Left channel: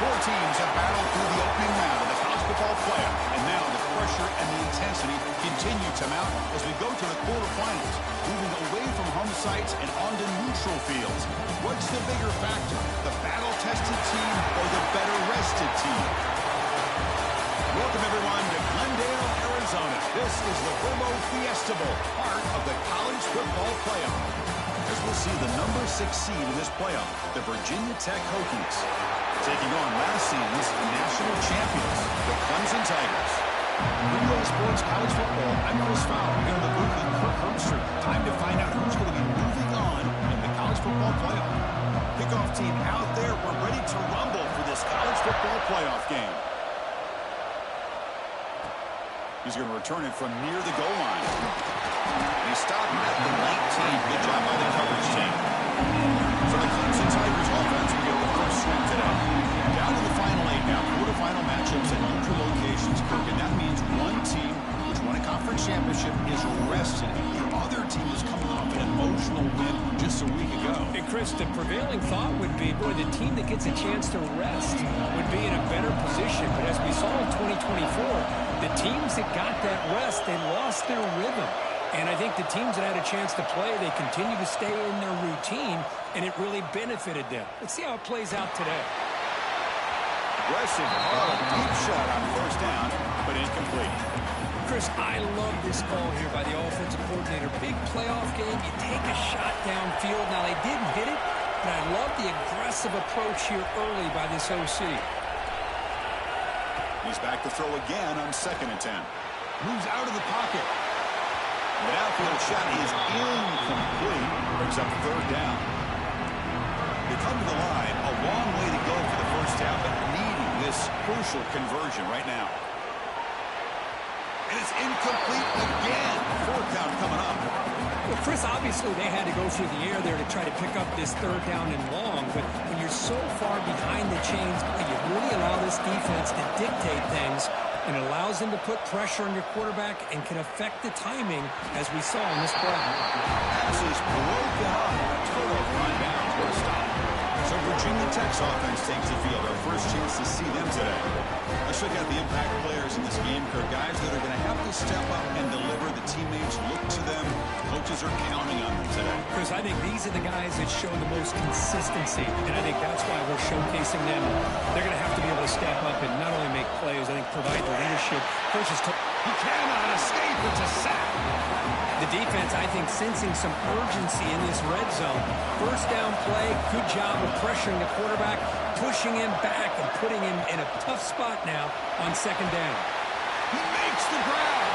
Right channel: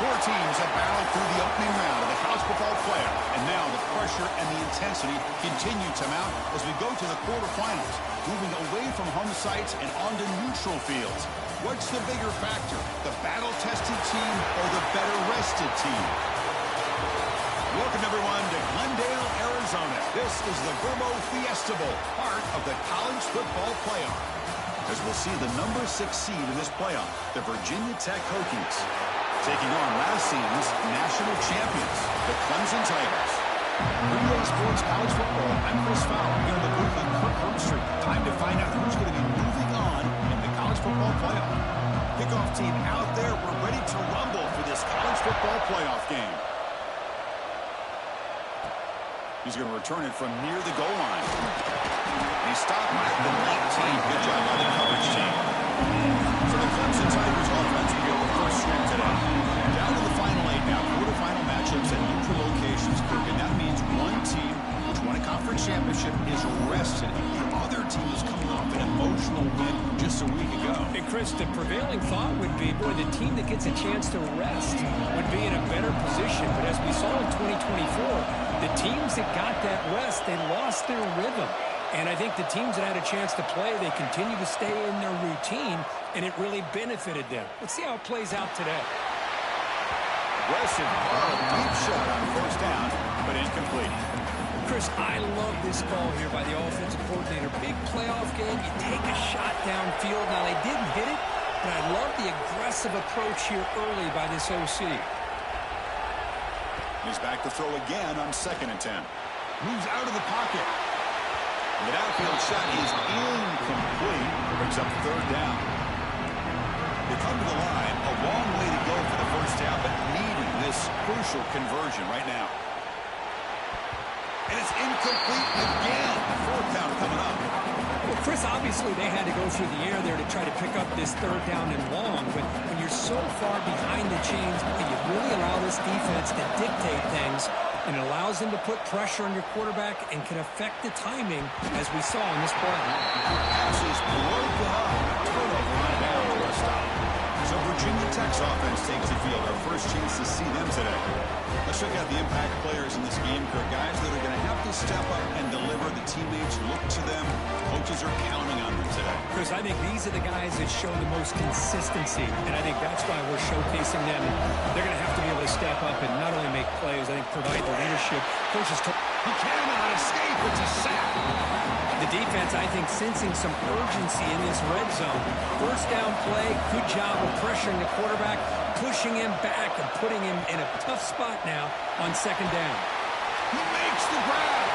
Four teams have battled through the opening round of the college football playoff, and now the pressure and the intensity continue to mount as we go to the quarterfinals, moving away from home sites and onto neutral fields. What's the bigger factor, the battle-tested team or the better-rested team? Welcome, everyone, to Glendale, Arizona. This is the Verbo Fiesta Bowl, part of the college football playoff, as we'll see the number 6 seed in this playoff, the Virginia Tech Hokies, taking on last season's national champions, the Clemson Tigers. Relay Sports College Football, I'm Chris Fowler, here in the booth with Kirk Herbstreit. Time to find out who's going to be moving on in the college football playoff. Kickoff team out there, we're ready to rumble for this college football playoff game. He's going to return it from near the goal line. And he stopped at the 19. Good job by the coverage team. For the Clemson Tigers offense, we get the first string today. Down to the final 8 now. Quarterfinal matchups at neutral locations, Kirk. And that means one team which won a conference championship is rested. The other team is coming off an emotional win just a week ago. And Chris, the prevailing thought would be, boy, the team that gets a chance to rest would be in a better position. But as we saw in 2024, the teams that got that rest, they lost their rhythm. And I think the teams that had a chance to play, they continue to stay in their routine, and it really benefited them. Let's see how it plays out today. Aggressive call, a deep shot on first down, but incomplete. Chris, I love this call here by the offensive coordinator. Big playoff game, you take a shot downfield. Now, they didn't hit it, but I love the aggressive approach here early by this OC. He's back to throw again on 2nd and 10. Moves out of the pocket. The downfield shot is incomplete. Brings up 3rd down. They come to the line. A long way to go for the first down, but needing this crucial conversion right now. And it's incomplete again. 4th down coming up. Well, Chris, obviously they had to go through the air there to try to pick up this 3rd down and long. But when you're so far behind the chains, you really allow this defense to dictate things. And it allows them to put pressure on your quarterback and can affect the timing, as we saw in this play. Pass is broken up. Turnover on downs. What a stop. So Virginia Tech's offense takes the field. Our first chance to see them today. Let's check out the impact players in this game, Kirk. Guys that are going to have to step up and deliver. The teammates look to them. Coaches are counting on them today. Chris, I think these are the guys that show the most consistency, and I think that's why we're showcasing them. They're going to have to be able to step up and not only make plays, I think provide the leadership. Coaches he cannot escape. It's a sack. The defense, I think, sensing some urgency in this red zone. First down play, good job of pressuring the quarterback, pushing him back and putting him in a tough spot now on 2nd down. He makes the grab.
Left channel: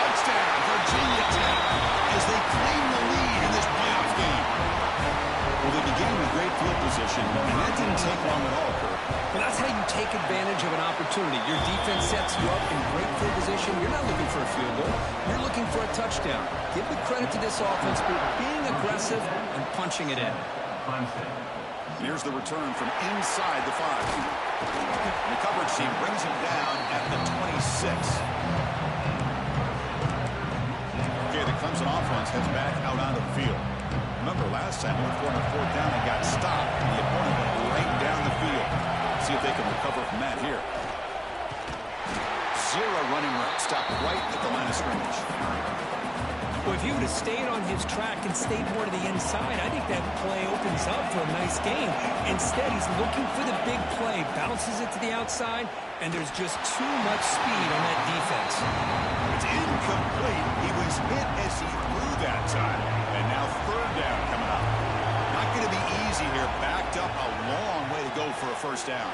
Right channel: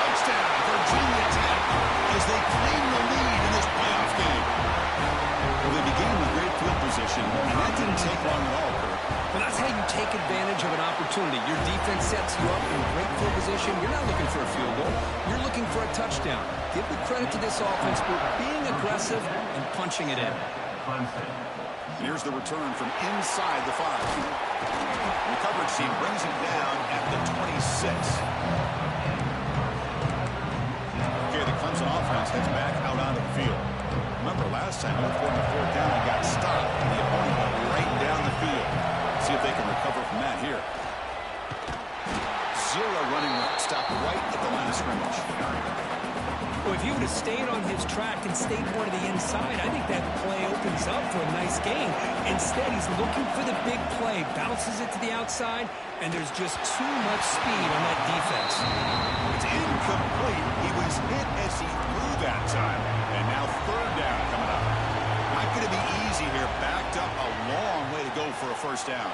Touchdown, Virginia Tech, as they claim the lead in this playoff game. Well, they began with great field position, and that didn't take long at all, Kirk. Well, that's how you take advantage of an opportunity. Your defense sets you up in great field position. You're not looking for a field goal. You're looking for a touchdown. Give the credit to this offense for being aggressive and punching it in. Here's the return from inside the 5. The coverage team brings him down at the 26. Okay, the Clemson offense heads back out onto the field. Remember, last time, went for it on 4th down and got stopped, and the opponent went right down the field. See if they can recover from that here. 0 running room. Stopped right at the line of scrimmage. Well, if he would have stayed on his track and stayed more to the inside, I think that play opens up for a nice gain. Instead, he's looking for the big play, bounces it to the outside, and there's just too much speed on that defense. It's incomplete. He was hit as he threw that time. And now 3rd down coming up. Not going to be easy here. Backed up a long way to go for a first down.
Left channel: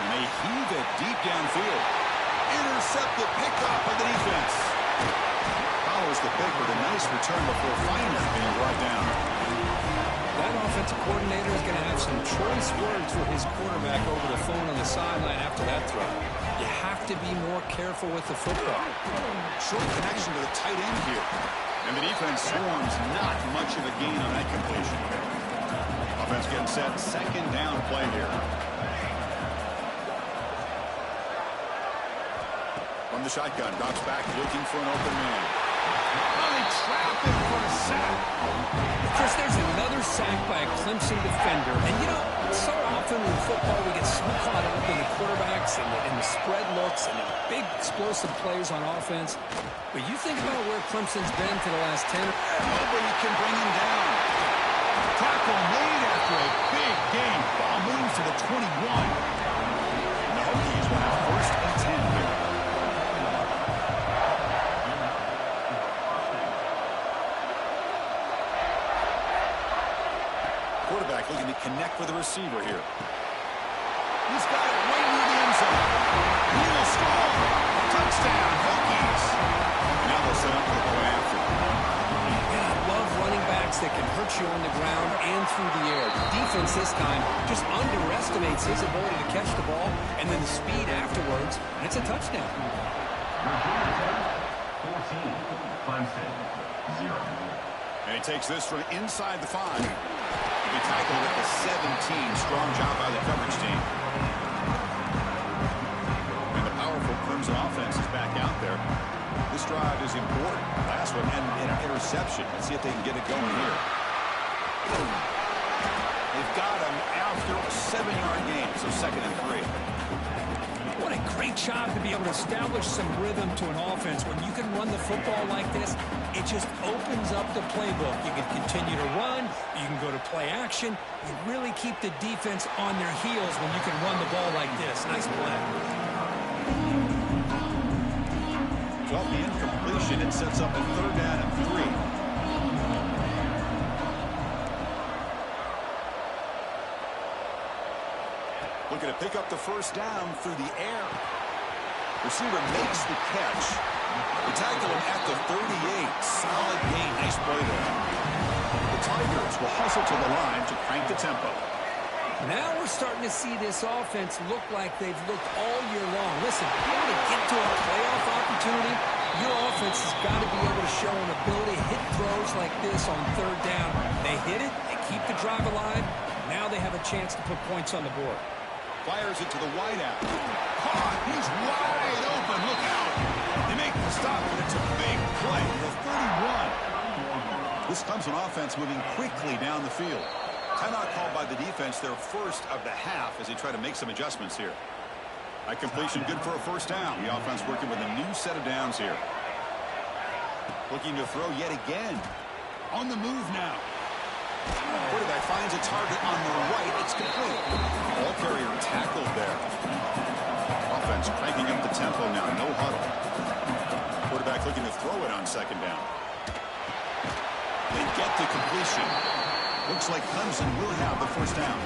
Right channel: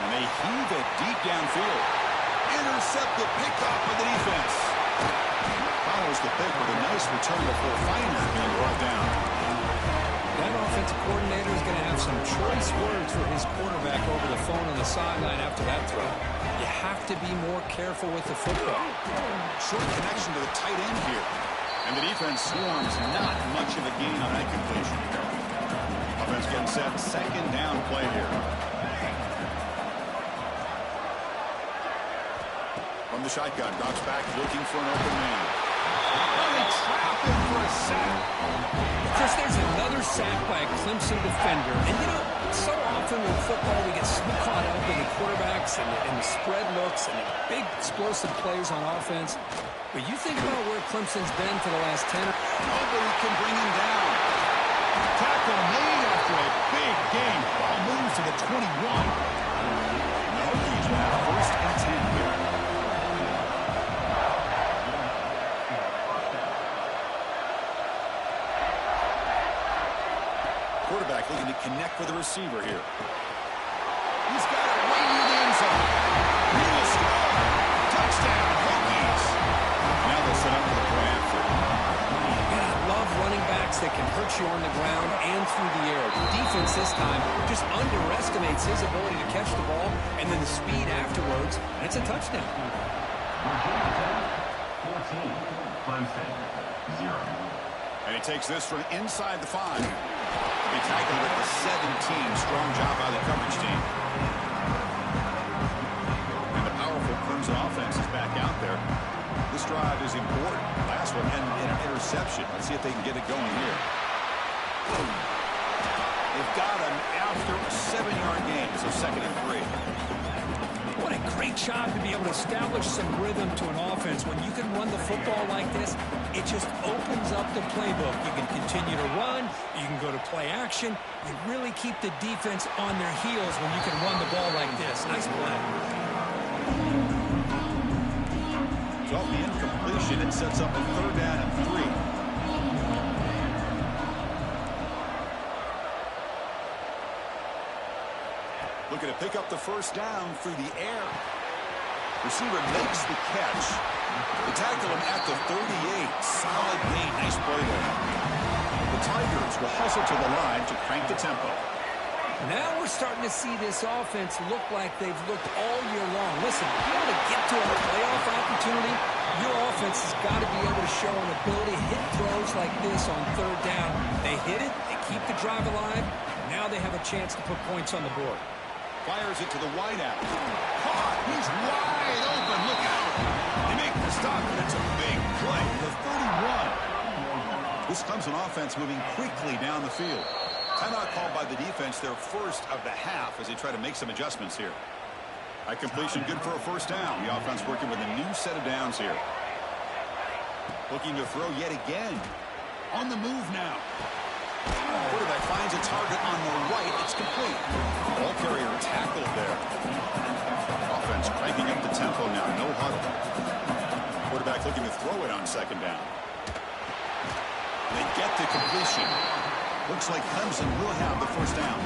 And they heave it deep downfield. Intercepted, picked off by the defense. Follows the pick with a nice return before Feiner being brought down. That offensive coordinator is going to have some choice words for his quarterback over the phone on the sideline after that throw. You have to be more careful with the football. Short connection to the tight end here. And the defense swarms, not much of a gain on that completion. Offense getting set, 2nd down play here. From the shotgun, drops back looking for an open man. Oh, they trap him for a sack. Chris, there's another sack by a Clemson defender. And, you know, so often in football we get so caught up quarterbacks and the spread looks and the big explosive players on offense. But you think about where Clemson's been for the last 10. Nobody can bring him down. Tackle made after a big game. Ball moves to the 21. And the Hokies will have 1st and 10 here. Quarterback looking to connect with the receiver here. He's got it right near the end zone. He will score. Touchdown, Hokies. And now they'll set up for the point after. And I love running backs that can hurt you on the ground and through the air. The defense this time just underestimates his ability to catch the ball and then the speed afterwards, and it's a touchdown. 14, Clemson, 0. And he takes this from inside the 5. He'll be tackled at the 17. Strong job by the coverage team. And the powerful Clemson offense is back out there. This drive is important. Last one and an interception. Let's see if they can get it going here. They've got him after a 7-yard gain, so 2nd and 3. What a great job to be able to establish some rhythm to an offense. When you can run the football like this, it just opens up the playbook. You can continue to run. You can go to play action. You really keep the defense on their heels when you can run the ball like this. Nice play. So the incompletion, it sets up a 3rd down and 3. Looking to pick up the 1st down through the air. Receiver makes the catch. They tackle him at the 38. Solid gain. Nice play there. The Tigers will hustle to the line to crank the tempo. Now we're starting to see this offense look like they've looked all year long. Listen, to be able to get to a playoff opportunity, your offense has got to be able to show an ability to hit throws like this on 3rd down. They hit it. They keep the drive alive. Now they have a chance to put points on the board. Fires it to the wideout. Caught. He's wide open. Look out. They make the stop, but it's a big play. The 31. This Clemson offense moving quickly down the field. Timeout called by the defense, their 1st of the half, as they try to make some adjustments here. That completion good for a 1st down. The offense working with a new set of downs here. Looking to throw yet again. On the move now. Quarterback finds a target on the right. It's complete. Ball carrier tackled there. Offense cranking up the tempo now. No huddle. Quarterback looking to throw it on 2nd down. They get the completion. Looks like Clemson will have the 1st down.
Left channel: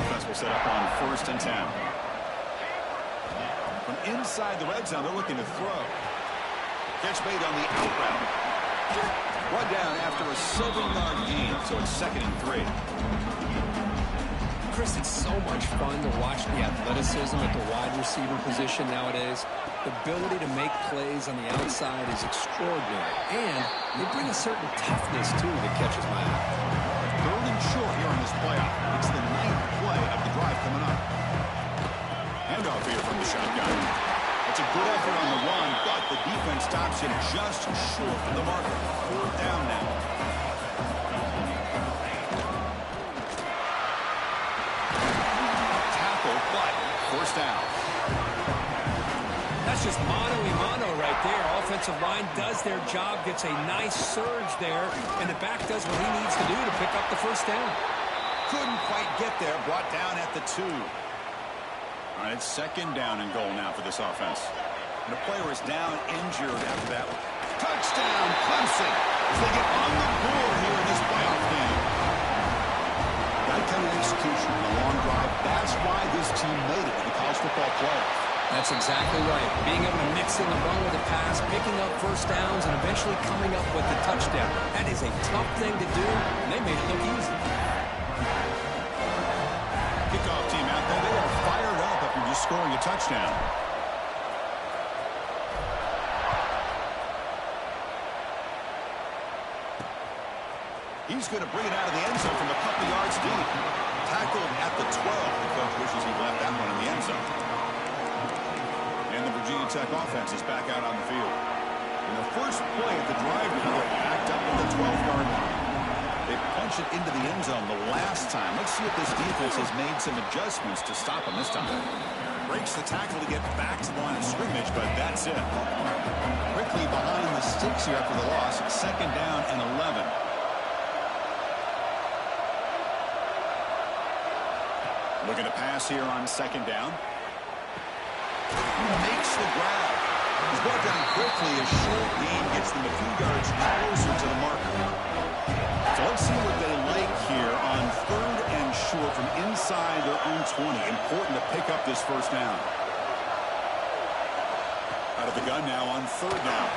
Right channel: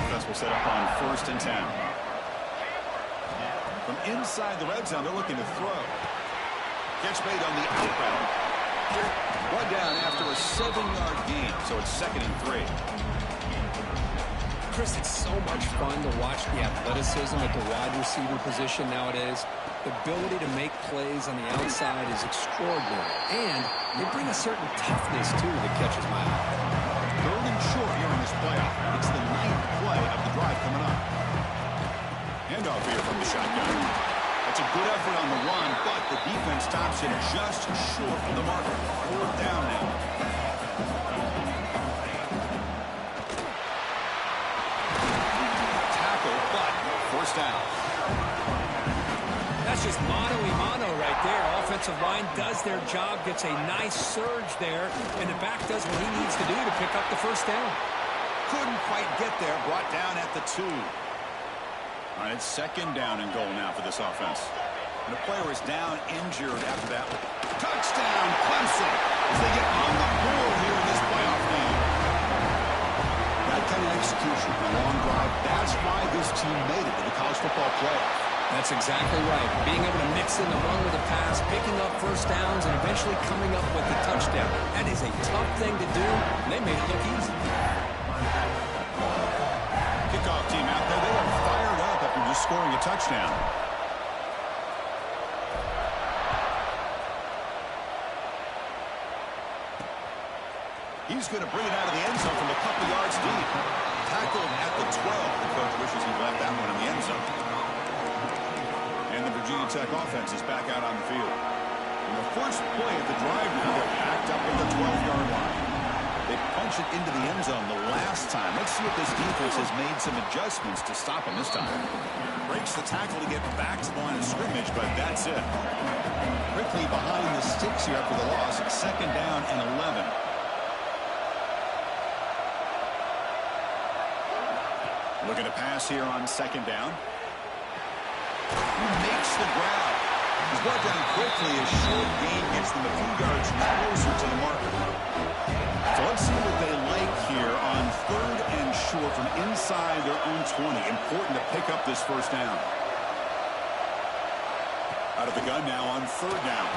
Offense will set up on 1st and 10. From inside the red zone, they're looking to throw. Catch made on the out route. Run down after a 7-yard gain, so it's 2nd and 3. Chris, it's so much fun to watch the athleticism at the wide receiver position nowadays. The ability to make plays on the outside is extraordinary, and they bring a certain toughness, too, that catches my eye. 3rd and short here in this playoff. It's the 9th play of the drive coming up. Handoff here from the shotgun. That's a good effort on the run, but the defense stops him just short of the marker. 4th down now. Tackle, but 1st down. That's just mano-a-mano right there. Offensive line does their job, gets a nice surge there, and the back does what he needs to do to pick up the 1st down. Couldn't quite get there, brought down at the 2. All right, it's 2nd down and goal now for this offense. And the player is down injured after that. Touchdown, Clemson, as they get on the board here in this playoff game. That kind of execution on a long drive, that's why this team made it to the college football playoff. That's exactly right. Being able to mix in the run with the pass, picking up 1st downs, and eventually coming up with the touchdown. That is a tough thing to do, and they made it look easy. Kickoff team out there, they are fired up after just scoring a touchdown. He's going to bring it out of the end zone from a couple yards deep. Tackled at the 12. The coach wishes he left that one in the end zone. And the Virginia Tech offense is back out on the field. In the first play of the drive now, they're backed up at the 12-yard line. They punch it into the end zone the last time. Let's see if this defense has made some adjustments to stop them this time. Breaks the tackle to get back to the line of scrimmage, but that's it. Quickly behind the sticks here after the loss. 2nd down and 11. Looking to pass here on 2nd down. He makes the grab. He's brought down quickly. A short gain gets them a few yards closer to the marker. So let's see what they like here on 3rd and short from inside their own 20. Important to pick up this 1st down. Out of the gun now on 3rd down.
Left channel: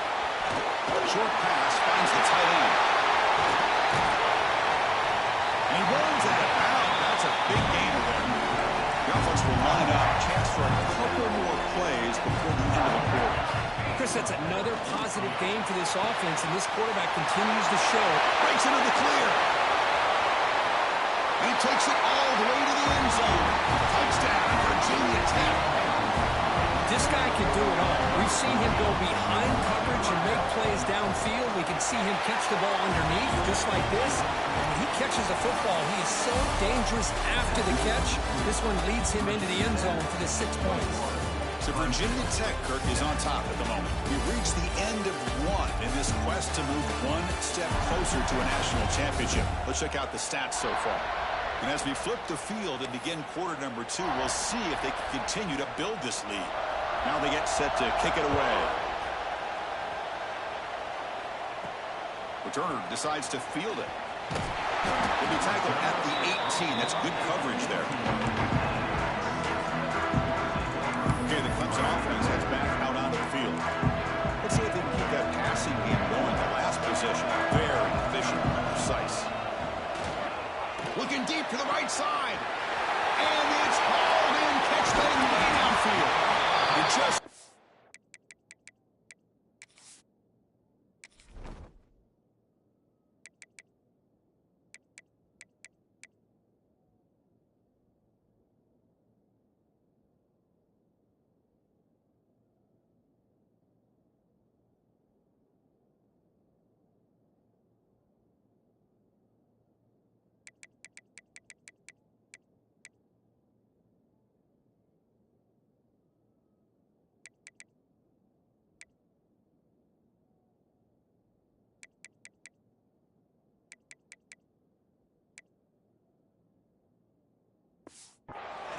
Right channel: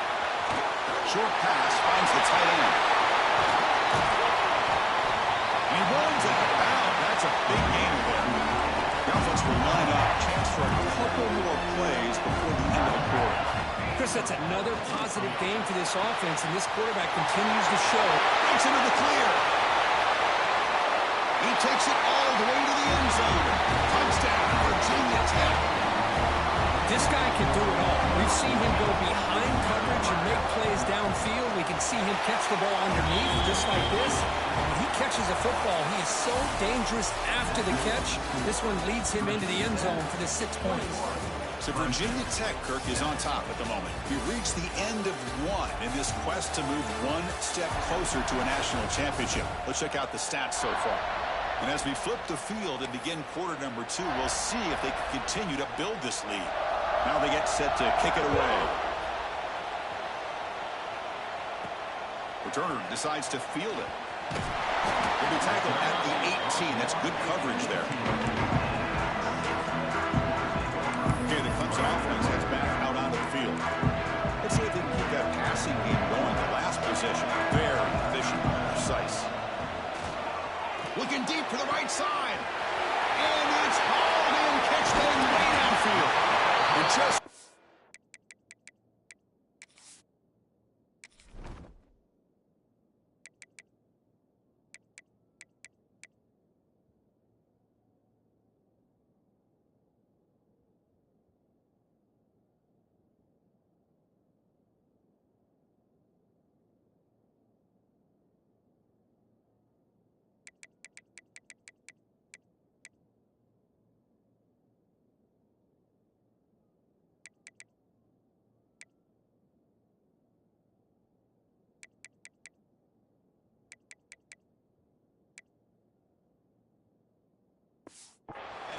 Short pass finds the tight end. And he runs that out. That's a big gainer there. The offense will line up. Chance for a couple more plays before the end of the quarter. Chris, that's another positive game for this offense, and this quarterback continues to show. Breaks into the clear. And he takes it all the way to the end zone. Touchdown, Virginia Tech. This guy can do it all. We've seen him go behind coverage and make plays downfield. We can see him catch the ball underneath, just like this. And when he catches a football, he is so dangerous after the catch. This one leads him into the end zone for the 6 points. So Virginia Tech, Kirk, is on top at the moment. We reached the end of one in this quest to move one step closer to a national championship. Let's check out the stats so far. And as we flip the field and begin quarter number 2, we'll see if they can continue to build this lead. Now they get set to kick it away. Returner decides to field it. He'll be tackled at the 18. That's good coverage there. Okay, the Clemson offense heads back out onto the field. Let's see if they can keep that passing game going. The last possession, very efficient and precise. Looking deep to the right side. And it's hauled in. Catch thing way downfield. And just...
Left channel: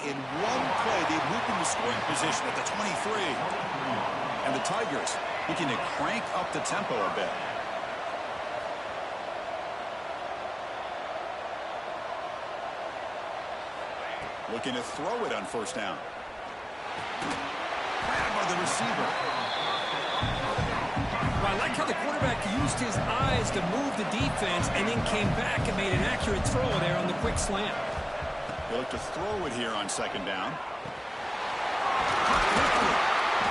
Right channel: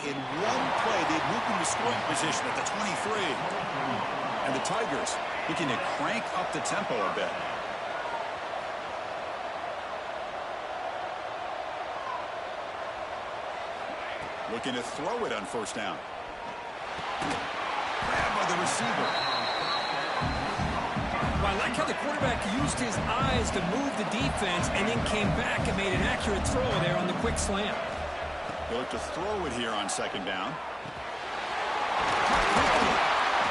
In one play, they've moved into scoring position at the 23. And the Tigers looking to crank up the tempo a bit. Looking to throw it on 1st down. Grabbed by the receiver. Well, I like how the quarterback used his eyes to move the defense and then came back and made an accurate throw there on the quick slant. They look to throw it here on 2nd down.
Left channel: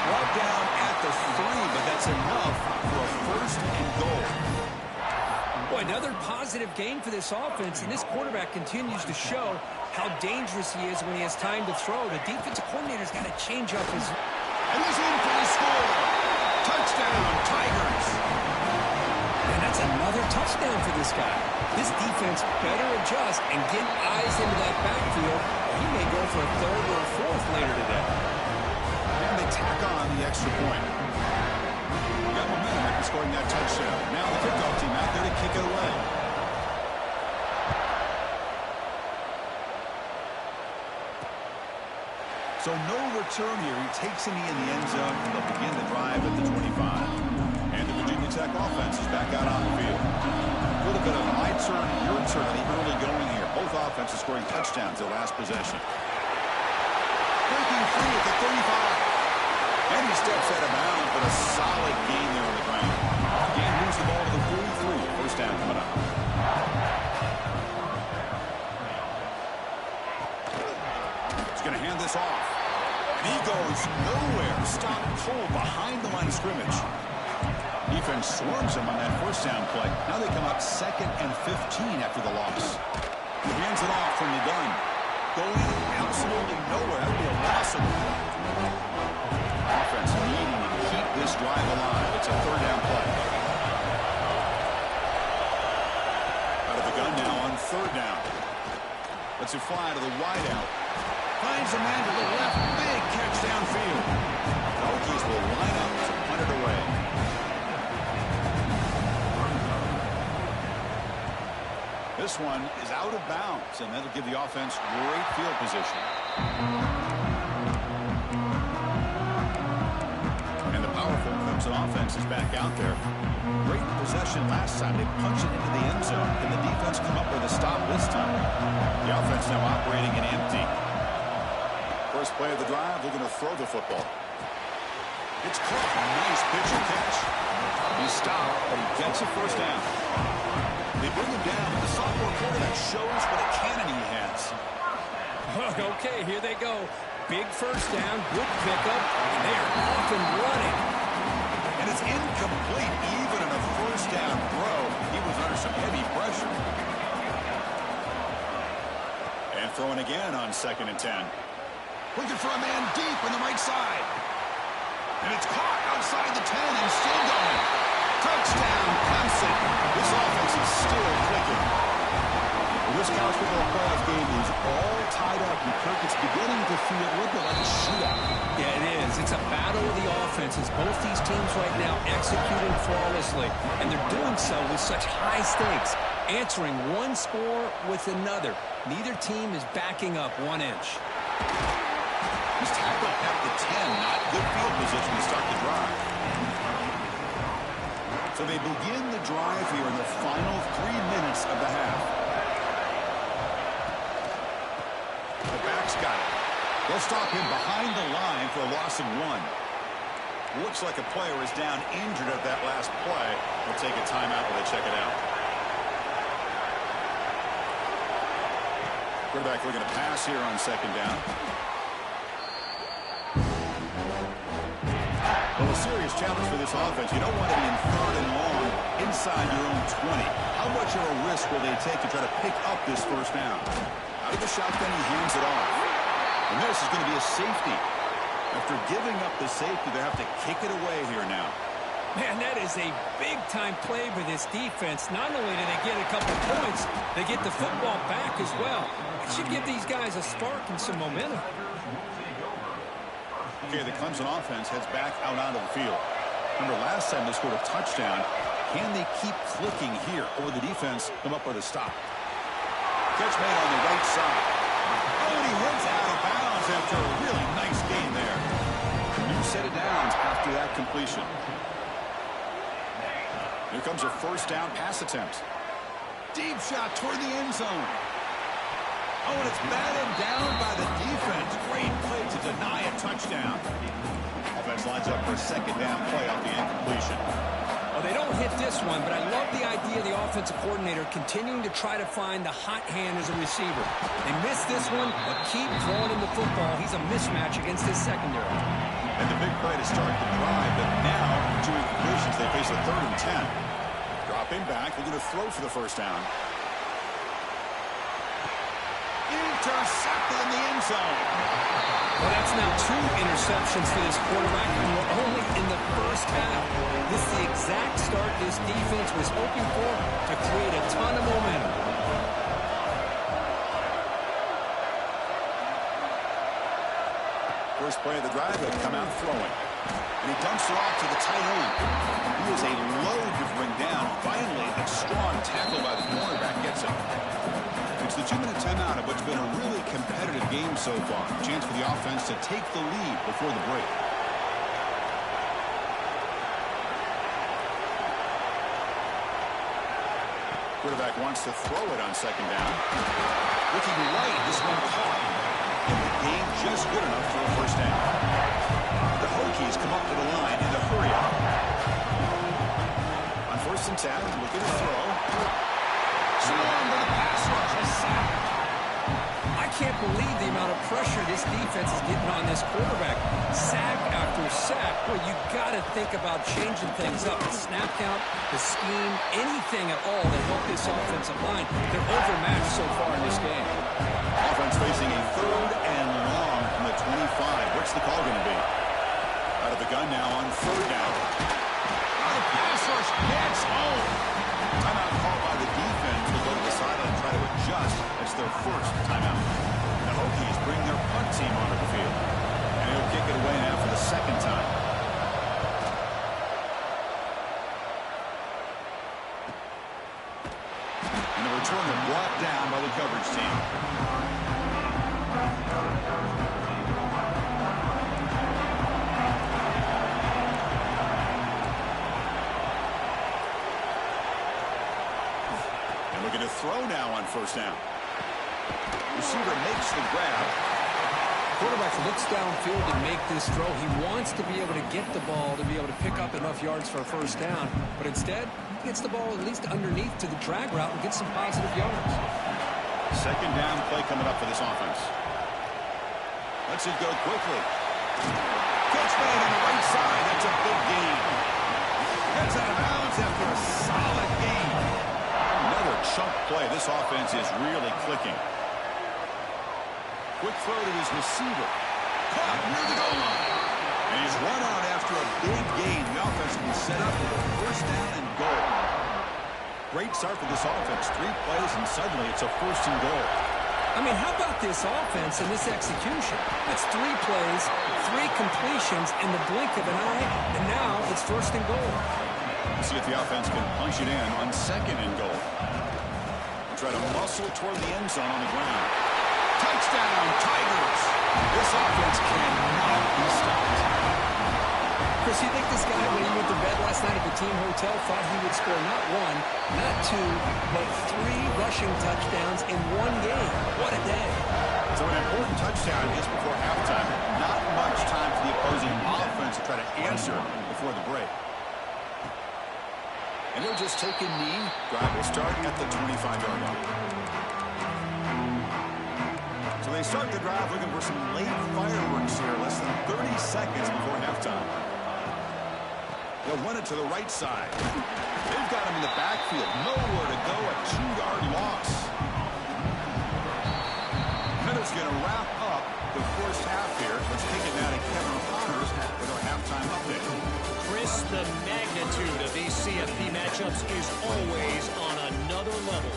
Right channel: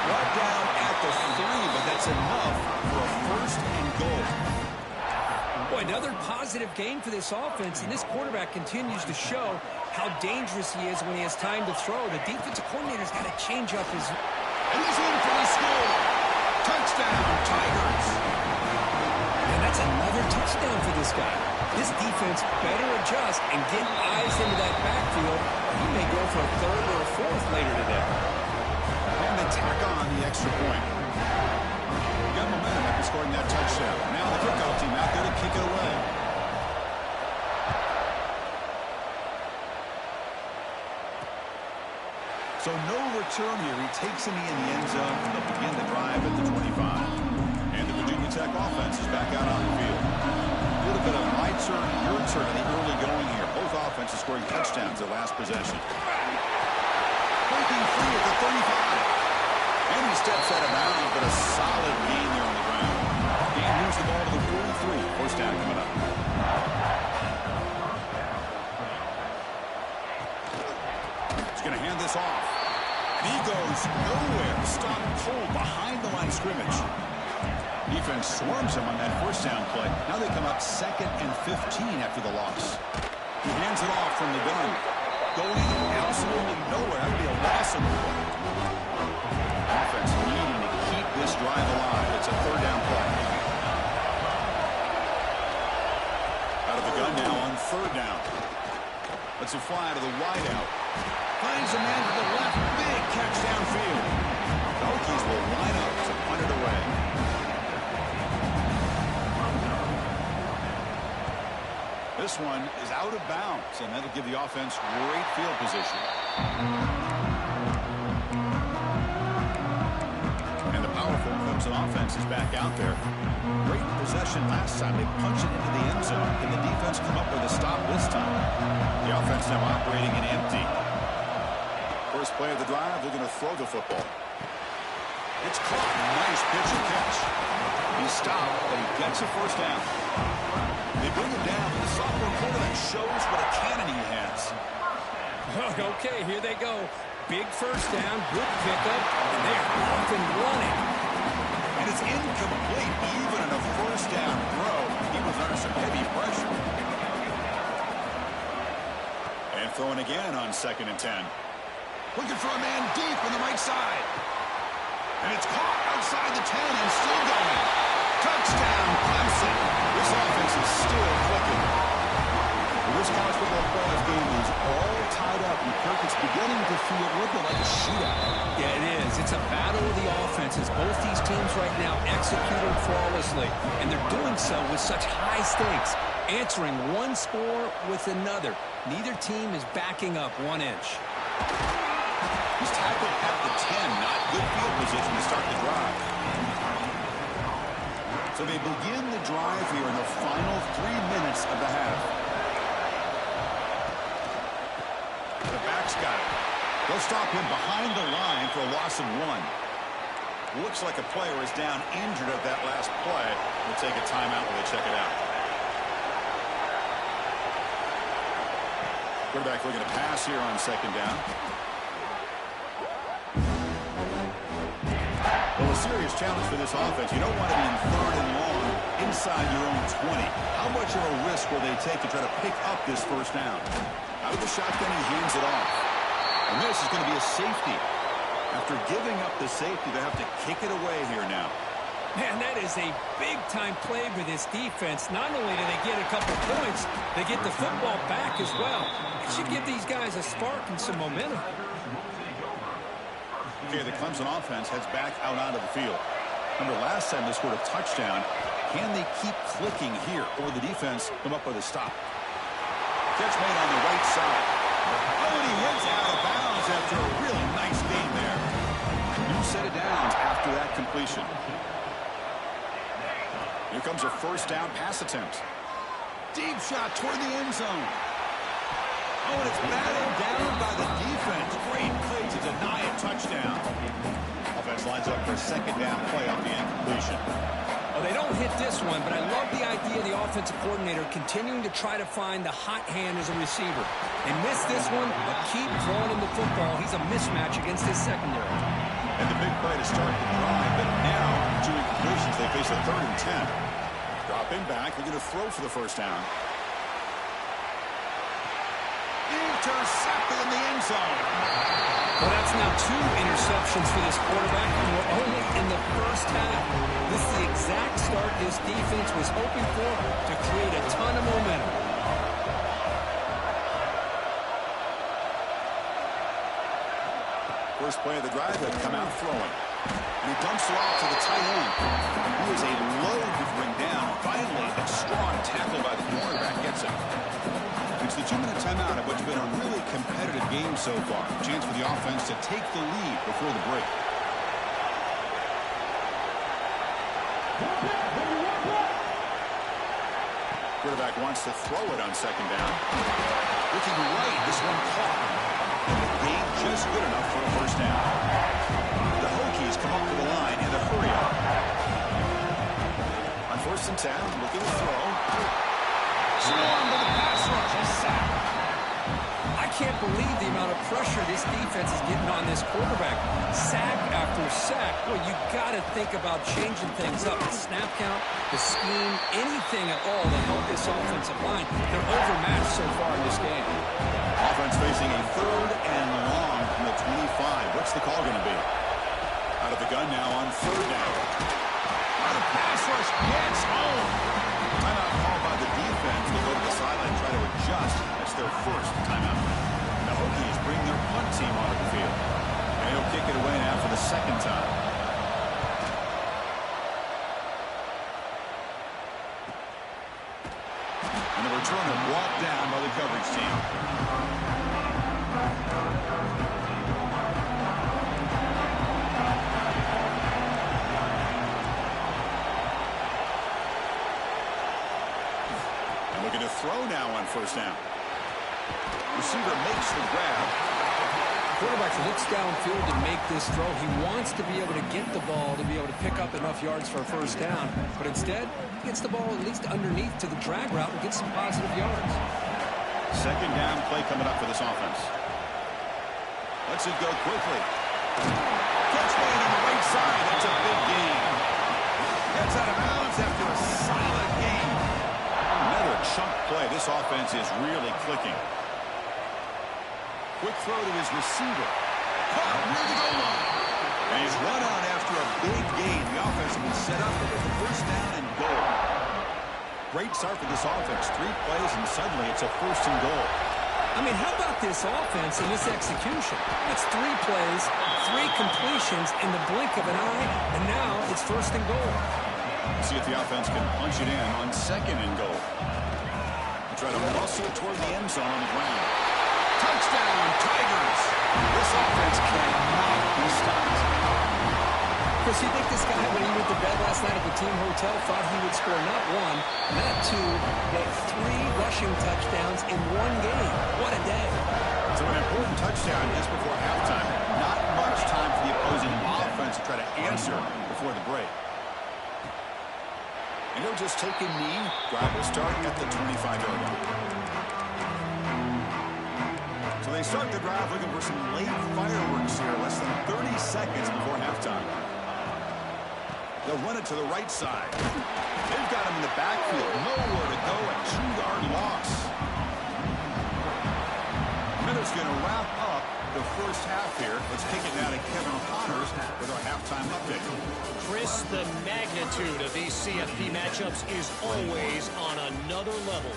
Brought down at the 3, but that's enough for a 1st and goal. Boy, another positive game for this offense, and this quarterback continues to show how dangerous he is when he has time to throw. The defensive coordinator's got to change up his... And he's in for the score. Touchdown, Tigers. And that's another touchdown for this guy. This defense better adjust and get eyes into that backfield, or he may go for a 3rd or a 4th later today. And they tack on the extra point. Got momentum after scoring that touchdown. Now the kickoff team out there to kick it away. So no return here. He takes it in the end zone, and they'll begin the drive at the 25. And the Virginia Tech offense is back out on the field. A little bit of my turn, your turn in the early going here. Both offenses scoring touchdowns their last possession. Breaking free at the 35. And he steps out of bounds, but a solid gain there on the ground. Gain moves the ball to the 43. 1st down coming up. He's going to hand this off. And he goes nowhere. Stopped cold behind the line of scrimmage. Defense swarms him on that 1st down play. Now they come up 2nd and 15 after the loss. He hands it off from the gun. Going absolutely nowhere. That would be a loss of the play. Offense needing to keep this drive alive. It's a 3rd down play. Out of the gun now on third down. Lets it fly to the wideout. Finds a man to the left. Big catch downfield. The Hokies will line up to punt it away. This one is out of bounds, and that'll give the offense great field position. And the powerful Clemson offense is back out there. Great possession last time. They punched it into the end zone. Can the defense come up with a stop this time? The offense now operating in empty. First play of the drive, they're going to throw the football. It's caught. Nice pitch and catch. He's stopped, but he gets a first down. They bring him down, but the sophomore quarterback shows what a cannon he has. Okay, here they go. Big first down, good pickup, and they are off and running. And it's incomplete. Even in a first down throw, he was under some heavy pressure. And throwing again on 2nd and 10. Looking for a man deep on the right side. And it's caught outside the 10 and still going. Touchdown, Clemson. This offense is still clicking. This college football playoff game is all tied up, and Kirk, it's beginning to feel a little bit like a shootout. Yeah, it is. It's a battle of the offenses. Both these teams right now executing flawlessly, and they're doing so with such high stakes, answering one score with another. Neither team is backing up 1 inch. He's tackled at the 10. Not good field position to start the drive. So they begin the drive here in the final 3 minutes of the half. The back's got it. They'll stop him behind the line for a loss of 1. Looks like a player is down injured at that last play. We'll take a timeout while they check it out. Quarterback looking to pass here on 2nd down. Well, a serious challenge for this offense. You don't want to be in 3rd and long inside your own 20. How much of a risk will they take to try to pick up this first down? Out of the shotgun, he hands it off. And this is going to be a safety. After giving up the safety, they have to kick it away here now. Man, that is a big-time play for this defense. Not only do they get a couple points, they get the football back as well. It should give these guys a spark and some momentum. Okay, the Clemson offense heads back out onto the field. Remember, last time they scored a touchdown. Can they keep clicking here, or the defense come up with a stop? Catch made on the right side. Oh, and he heads out of bounds after a really nice gain there. New set of downs after that completion. Here comes a first down pass attempt. Deep shot toward the end zone. Oh, and it's batted down by the defense. Great play to deny a touchdown. Offense lines up for a 2nd down play off the incompletion. Well, they don't hit this one, but I love the idea of the offensive coordinator continuing to try to find the hot hand as a receiver. They missed this one, but keep throwing him the football. He's a mismatch against his secondary. And the big play to start the drive, but now 2 incompletions. They face a 3rd and 10. Dropping back, they're going to throw for the first down. Intercepted in the end zone. Well, that's now 2 interceptions for this quarterback, and we're only in the first half. This is the exact start this defense was hoping for to create a ton of momentum. First play of the drive, they've come out throwing. And he dumps it off to the tight end. He is a load to bring down. Finally, a strong tackle by the cornerback gets him. It's the 2-minute timeout of what's been a really competitive game so far. Chance for the offense to take the lead before the break. Quarterback wants to throw it on 2nd down. Looking right, this one caught. And the game just good enough for a first down. The Hokies come up to the line in the hurry-up. On 1st and 10, looking to throw. Swarm with a pass rush. A sack. I can't believe the amount of pressure this defense is getting on this quarterback. Sack after sack. Well, you got to think about changing things up. The snap count, the scheme, anything at all to help this offensive line. They're overmatched so far in this game. Offense facing a 3rd and long from the 25. What's the call going to be? Out of the gun now on 3rd down. Oh, the pass rush gets home. Timeout called by the defense. They'll go to the sideline and try to adjust. That's their first timeout. The Hokies bring their punt team onto the field. And he'll kick it away now for the second time. And the returner brought down by the coverage team. And looking to throw now on first down. Receiver makes the grab. Quarterback looks downfield to make this throw. He wants to be able to get the ball to be able to pick up enough yards for a first down. But instead, he gets the ball at least underneath to the drag route and gets some positive yards. Second down play coming up for this offense. Lets it go quickly. Catch made on the right side. That's a big gain. Heads out of bounds after a solid gain. Another chunk play. This offense is really clicking. Quick throw to his receiver. Caught near the goal line. And he's run out after a big gain. The offense will be set up for the first down and goal. Great start for this offense. 3 plays, and suddenly it's a first and goal. I mean, how about this offense and this execution? That's 3 plays, 3 completions in the blink of an eye, and now it's first and goal. We'll see if the offense can punch it in on second and goal. They'll try to muscle toward the end zone on the ground. Touchdown, Tigers! This offense cannot be stopped. Chris, you think this guy, when he went to bed last night at the team hotel, thought he would score not 1, not 2, but 3 rushing touchdowns in 1 game? What a day. So an important touchdown just before halftime. Not much time for the opposing offense to try to answer before the break. And he'll just take a knee. Drive will start at the 25-yard line. So they start the drive looking for some late fireworks here. Less than 30 seconds before halftime. They'll run it to the right side. They've got him in the backfield. Nowhere to go. A 2-yard loss. Miller's going to wrap up the first half here. Let's take it now to Kevin Connors with our halftime update. Chris, the magnitude of these CFB matchups is always on another level.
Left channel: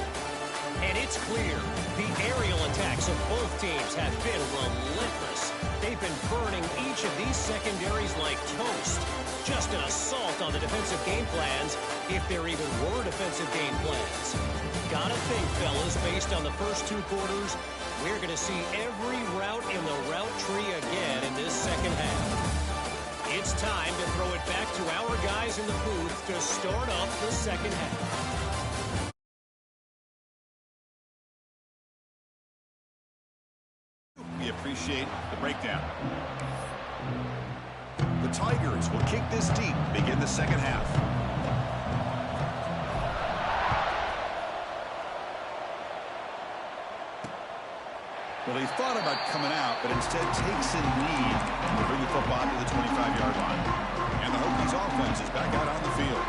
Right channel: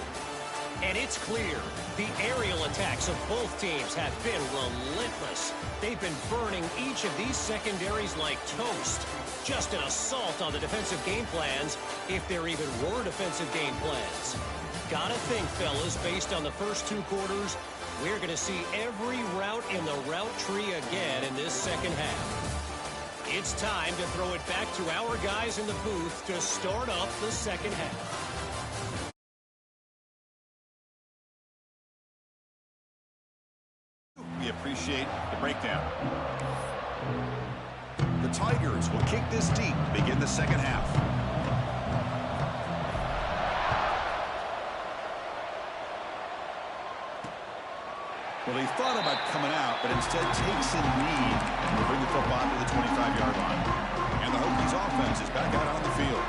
And it's clear the aerial attacks of both teams have been relentless. They've been burning each of these secondaries like toast. Just an assault on the defensive game plans, if there even were defensive game plans. Gotta think, fellas, based on the first 2 quarters, we're going to see every route in the route tree again in this second half. It's time to throw it back to our guys in the booth to start up the second half. We appreciate the breakdown. The Tigers will kick this deep to begin the second half. Well, he thought about coming out, but instead takes a knee to bring the football to the 25-yard line. And the Hokies offense is back out on the field.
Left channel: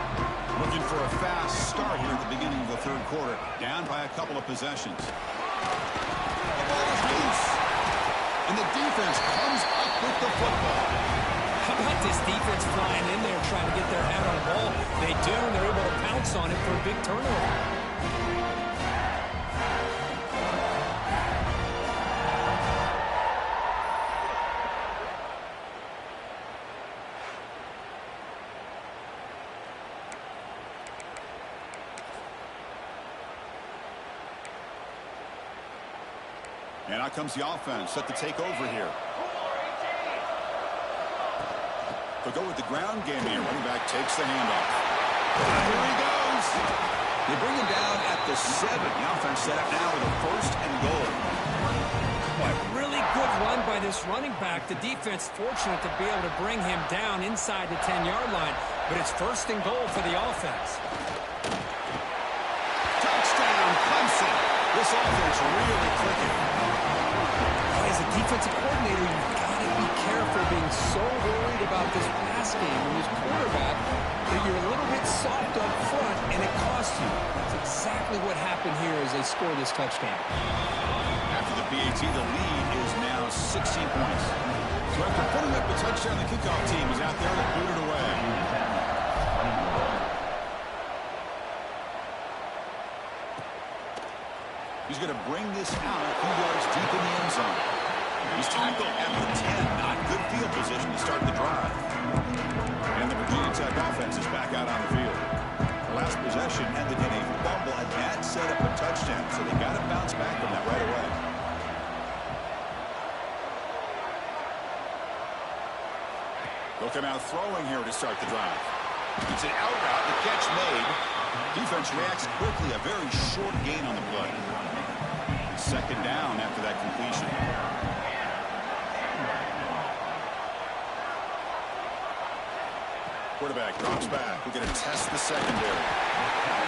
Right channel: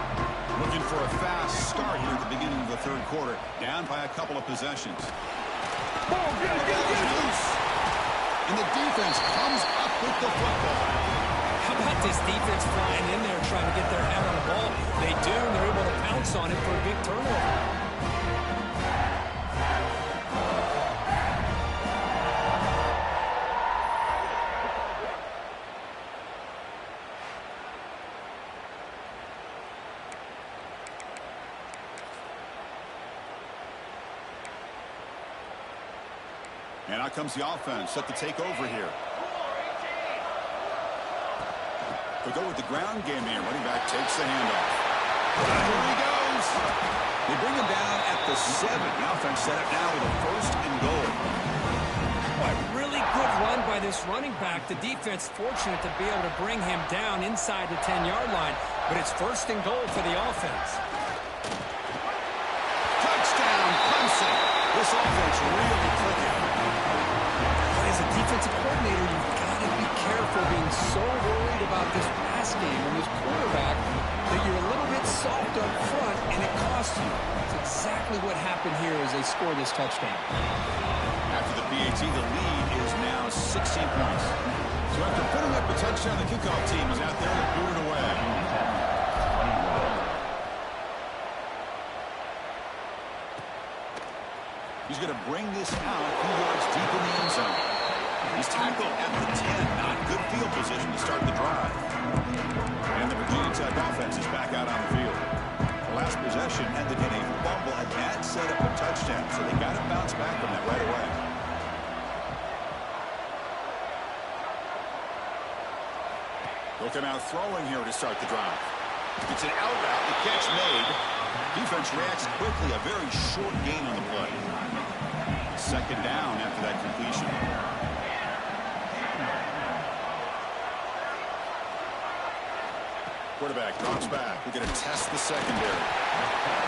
Looking for a fast start here at the beginning of the third quarter. Down by a couple of possessions. The ball is loose. And the defense comes up with the football. How about this defense flying in there trying to get their head on the ball? They do, and they're able to pounce on it for a big turnover. And out comes the offense set to take over here. They'll go with the ground game here. Running back takes the handoff. Here he goes. They bring him down at the 7. The offense set up now with a first and goal. Boy, really good run by this running back. The defense fortunate to be able to bring him down inside the 10-yard line. But it's first and goal for the offense. Touchdown, Clemson. This offense really clicking. As a defensive coordinator, you've got to be careful being so worried about this pass game and this quarterback that you're a little bit soft up front, and it costs you. That's exactly what happened here as they score this touchdown. After the PAT, the lead is now 16 points. So after putting up a touchdown, the kickoff team is out there to boot it away. He's going to bring this out a few yards deep in the end zone. He's tackled at the 10. Not good field position to start the drive. And the Virginia Tech offense is back out on the field. The last possession ended in a fumble, and that set up a touchdown. So they got to bounce back from that right away. They'll come out throwing here to start the drive. It's an out route. The catch made. Defense reacts quickly. A very short gain on the play. Second down after that completion. Quarterback drops back. We're going to test the secondary.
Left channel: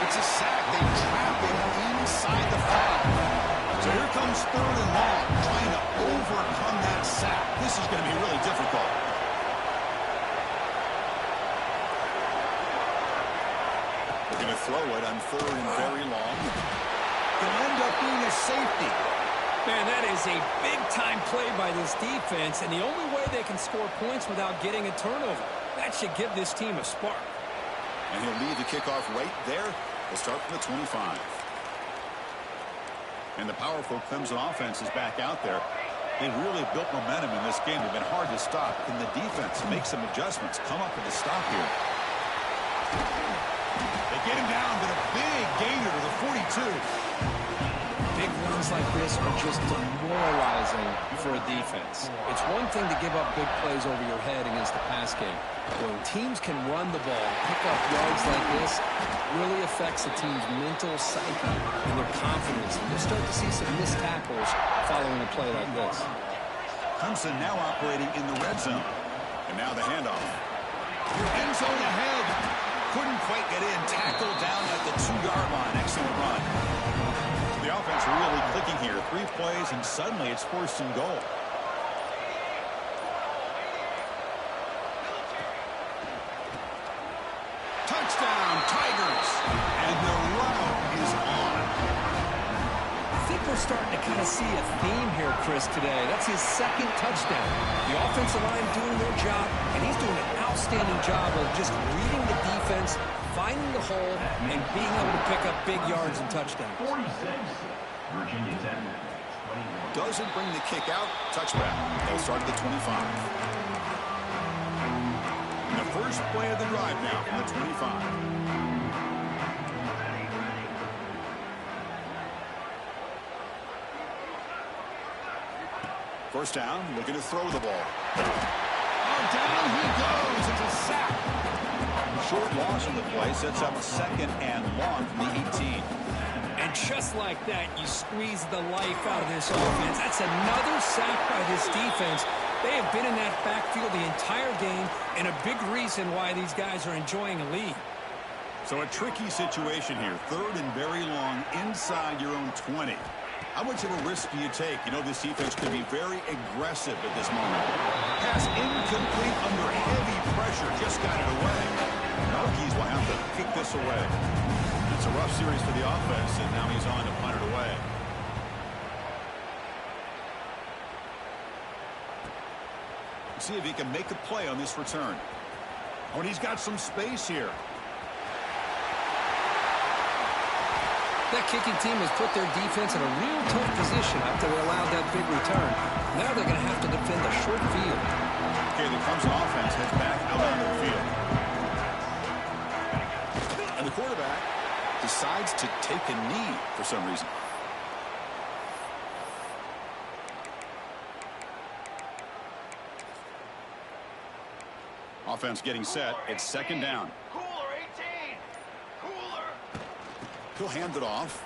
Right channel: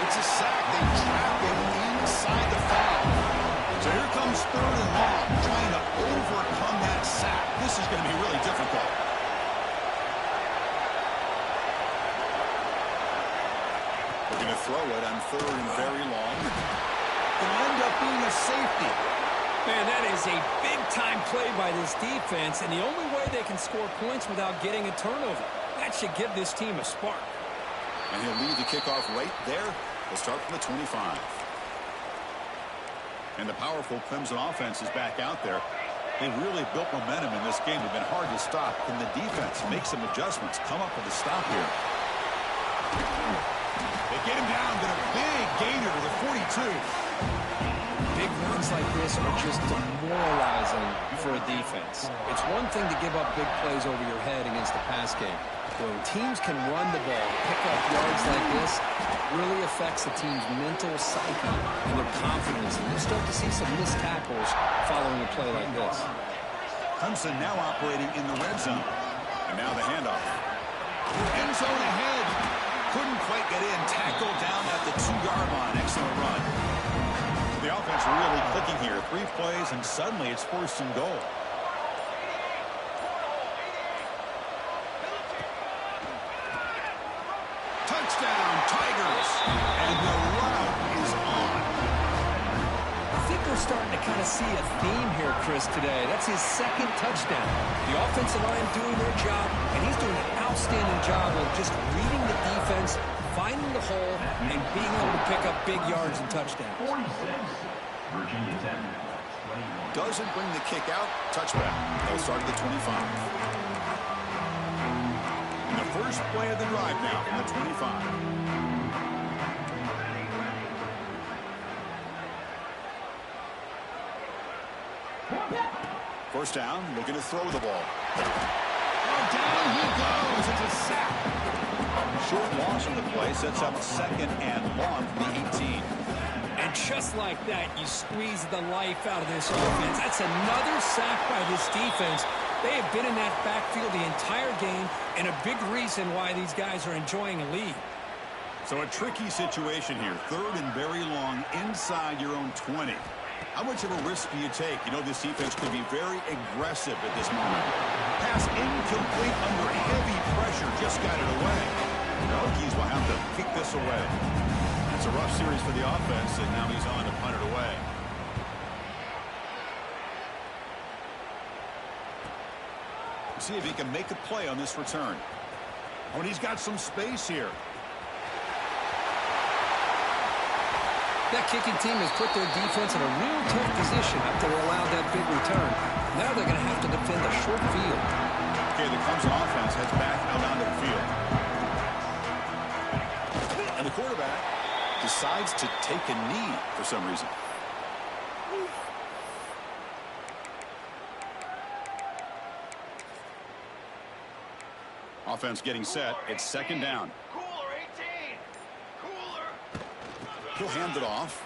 It's a sack. They trap him inside the foul. So here comes third and long, trying to overcome that sack. This is going to be really difficult. We're going to throw it on third and very long. Going to end up being a safety. Man, that is a big-time play by this defense, and the only way they can score points without getting a turnover. That should give this team a spark. And he'll lead the kickoff right there. We'll start from the 25. And the powerful Clemson offense is back out there. They've really built momentum in this game. They've been hard to stop. Can the defense make some adjustments? Come up with a stop here. They get him down, but a big gainer to the 42. Big runs like this are just demoralizing for a defense. It's one thing to give up big plays over your head against the pass game. When teams can run the ball, pick up yards like this, it really affects the team's mental psyche and their confidence. And you'll start to see some missed tackles following a play like this. Clemson now operating in the red zone. And now the handoff. End zone ahead. Couldn't quite get in. Tackled down at the 2-yard line. Excellent run. The offense really clicking here. 3 plays, and suddenly it's 1st and goal. Touchdown, Tigers. And the route is on. I think we're starting to kind of see a theme here, Chris, today. That's his 2nd touchdown. The offensive line doing their job, and he's doing an outstanding job of just reading the defense, finding the hole, and being able to pick up big yards and touchdowns. 46, Virginia Tech, 21. Doesn't bring the kick out. Touchback. They'll start at the 25. And the first play of the drive now from the 25. First down, looking to throw the ball. Oh, down he goes. It's a sack. Short loss on the play sets up 2nd and long from the 18. And just like that, you squeeze the life out of this offense. That's another sack by this defense. They have been in that backfield the entire game, and a big reason why these guys are enjoying a lead. So a tricky situation here. 3rd and very long inside your own 20. How much of a risk do you take? You know, this defense could be very aggressive at this moment. Pass incomplete under heavy pressure. Just got it away. The Hokies will have to kick this away. It's a rough series for the offense, and now he's on to punt it away. See if he can make a play on this return. Oh, and he's got some space here. That kicking team has put their defense in a real tough position after they allowed that big return. Now they're going to have to defend a short field. Okay, the Clemson offense heads back out onto the field. And the quarterback decides to take a knee for some reason. Offense getting set. It's 2nd down. Cooler, 18. Cooler. He'll hand it off.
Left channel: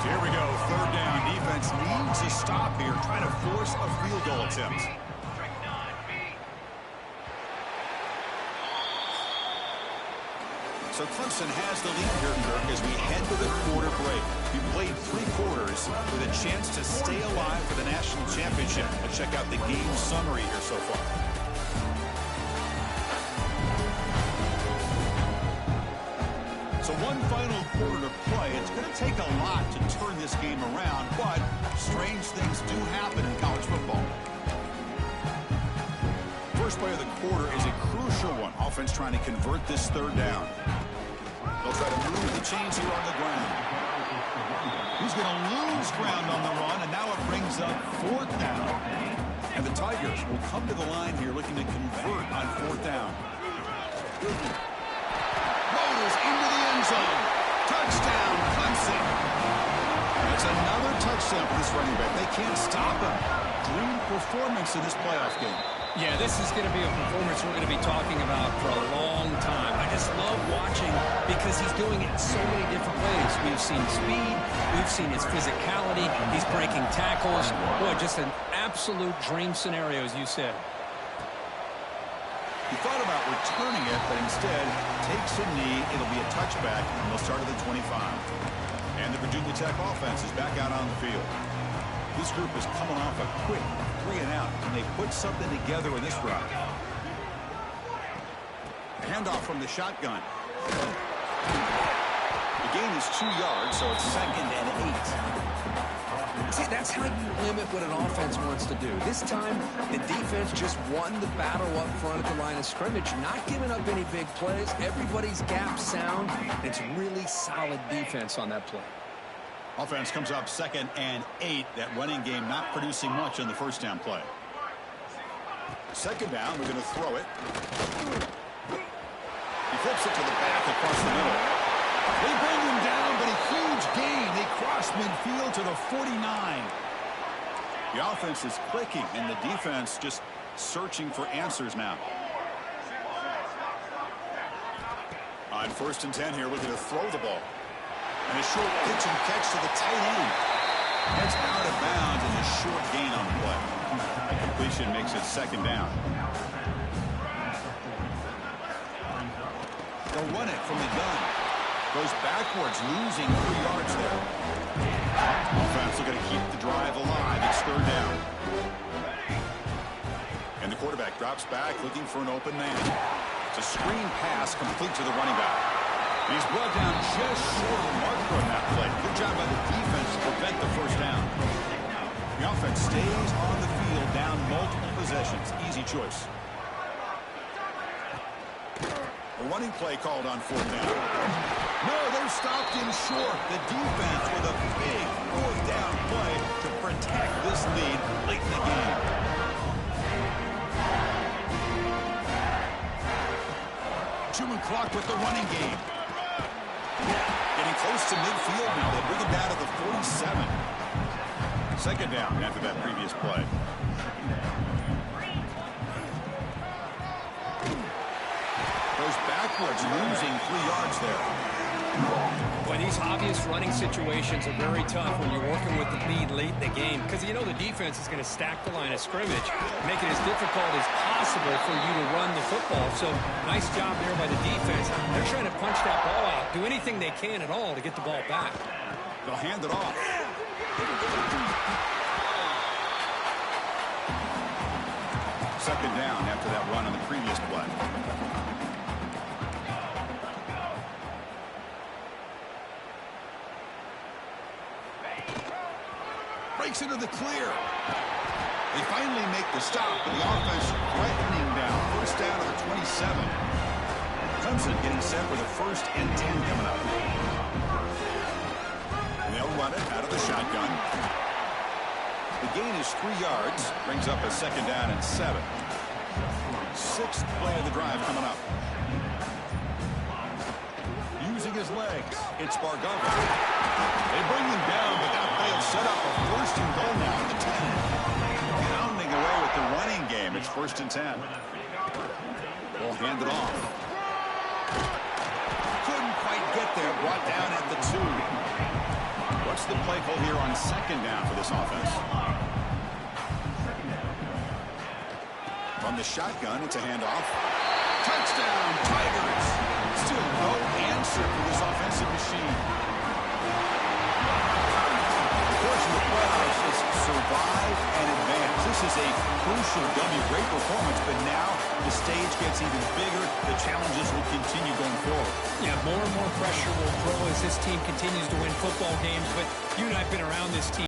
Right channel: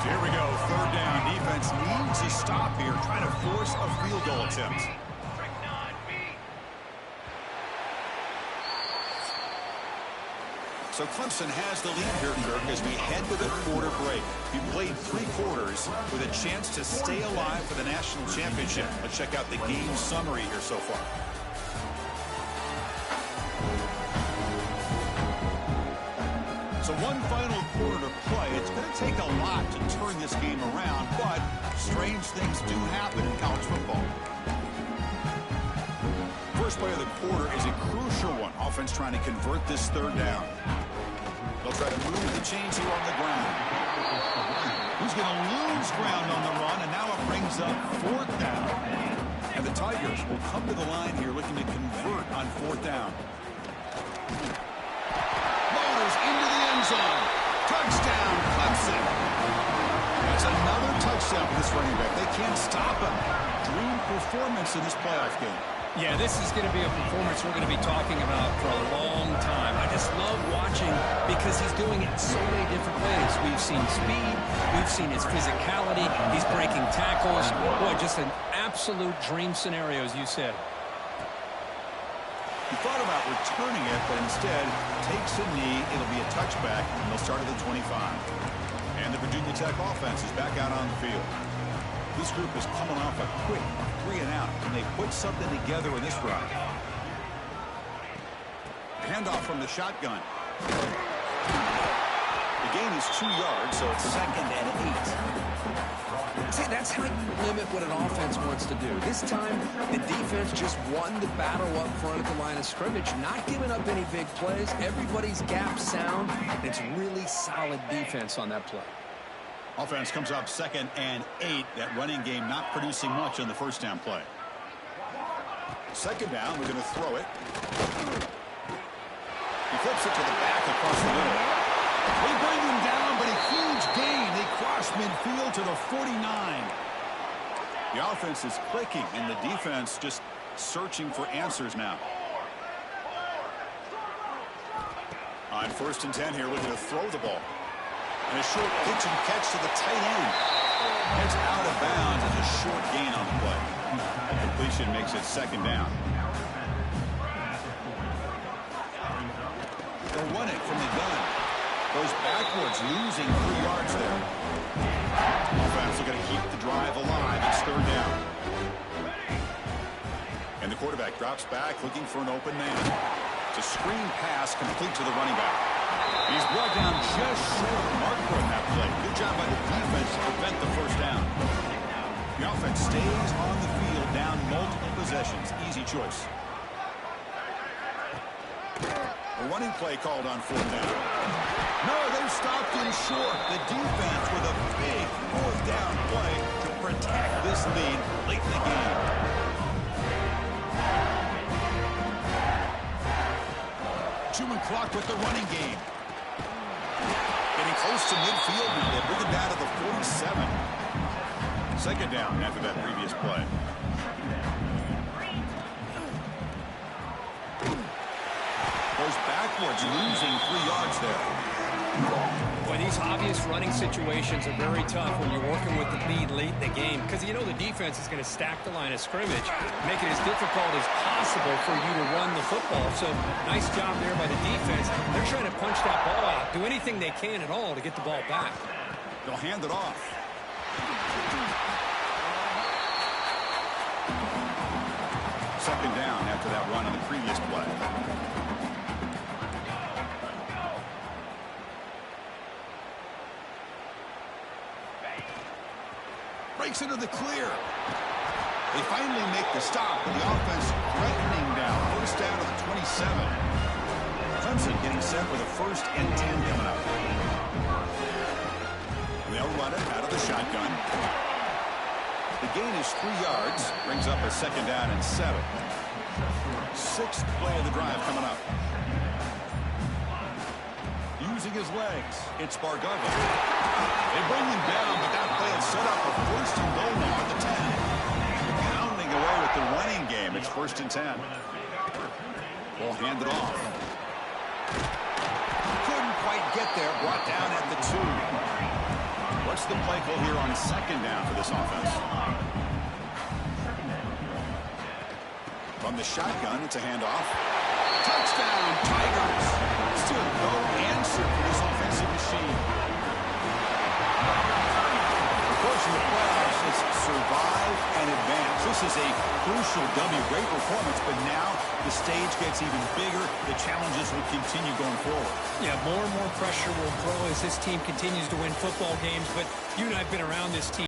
So here we go. 3rd down. Defense needs a stop here. Trying to force a field goal attempt. So Clemson has the lead here, Kirk, as we head to the quarter break. We played 3 quarters with a chance to stay alive for the national championship. Let's check out the game summary here so far. So one final quarter to play. It's going to take a lot to turn this game around, but strange things do happen in college football. First play of the quarter is a crucial one. Offense trying to convert this 3rd down. They'll try to move the chains here on the ground. He's going to lose ground on the run, and now it brings up 4th down. And the Tigers will come to the line here looking to convert on 4th down. Motors into the end zone. Touchdown, Clemson. That's another touchdown for this running back. They can't stop him. Dream performance in this playoff game. Yeah, this is going to be a performance we're going to be talking about for a long time. I just love watching because he's doing it so many different ways. We've seen speed. We've seen his physicality. He's breaking tackles. Boy, just an absolute dream scenario, as you said. He thought about returning it, but instead takes a knee. It'll be a touchback, and they'll start at the 25. And the Virginia Tech offense is back out on the field. This group is coming off a quick 3-and-out, and they put something together in this drive. Handoff from the shotgun. The gain is 2 yards, so it's 2nd and 8. See, that's how you limit what an offense wants to do. This time, the defense just won the battle up front at the line of scrimmage, not giving up any big plays. Everybody's gap sound. It's really solid defense on that play. Offense comes up 2nd and 8. That running game not producing much on the first down play. 2nd down, we're going to throw it. He flips it to the back across the middle. They bring him down, but a huge gain. They cross midfield to the 49. The offense is clicking, and the defense just searching for answers now. On 1st and 10 here, looking to throw the ball. And a short pitch and catch to the tight end. Heads out of bounds and a short gain on the play. A completion makes it 2nd down. They'll run it from the gun. Goes backwards, losing 3 yards there. Offense looking to keep the drive alive. It's 3rd down. And the quarterback drops back, looking for an open man. It's a screen pass complete to the running back. And he's brought down just short of the marker on that play. Good job by the defense to prevent the 1st down. The offense stays on the field, down multiple possessions. Easy choice. A running play called on 4th down. No, they've stopped him short. The defense with a big 4th down play to protect this lead late in the game. Chewing clock with the running game. Getting close to midfield now. They bring it down to the 47. 2nd down after that previous play. Goes backwards, losing 3 yards there. Boy, these obvious running situations are very tough when you're working with the lead late in the game because you know the defense is going to stack the line of scrimmage, make it as difficult as possible for you to run the football. So nice job there by the defense. They're trying to punch that ball out, do anything they can at all to get the ball back. They'll hand it off. Second down after that run on the previous play. Breaks into the clear. They finally make the stop, but the offense threatening down. 1st down to the 27. Clemson getting set with a 1st and 10 coming up. And they'll run it out of the shotgun. The gain is 3 yards. Brings up a 2nd down and 7. 6th play of the drive coming up. Using his legs, it's Bargava. They bring him down, but that play will set up a 1st and goal now at the 10. Pounding away with the running game. It's 1st and 10. We'll hand it off. Couldn't quite get there. Brought down at the 2. What's the play call here on 2nd down for this offense? From the shotgun, it's a handoff. Touchdown, Tigers. Still no answer for this offensive machine. Of course, in the playoffs, it's survive and advance. This is a crucial W. Great performance, but now the stage gets even bigger. The challenges will continue going forward. Yeah, more and more pressure will grow as this team continues to win football games, but you and I have been around this team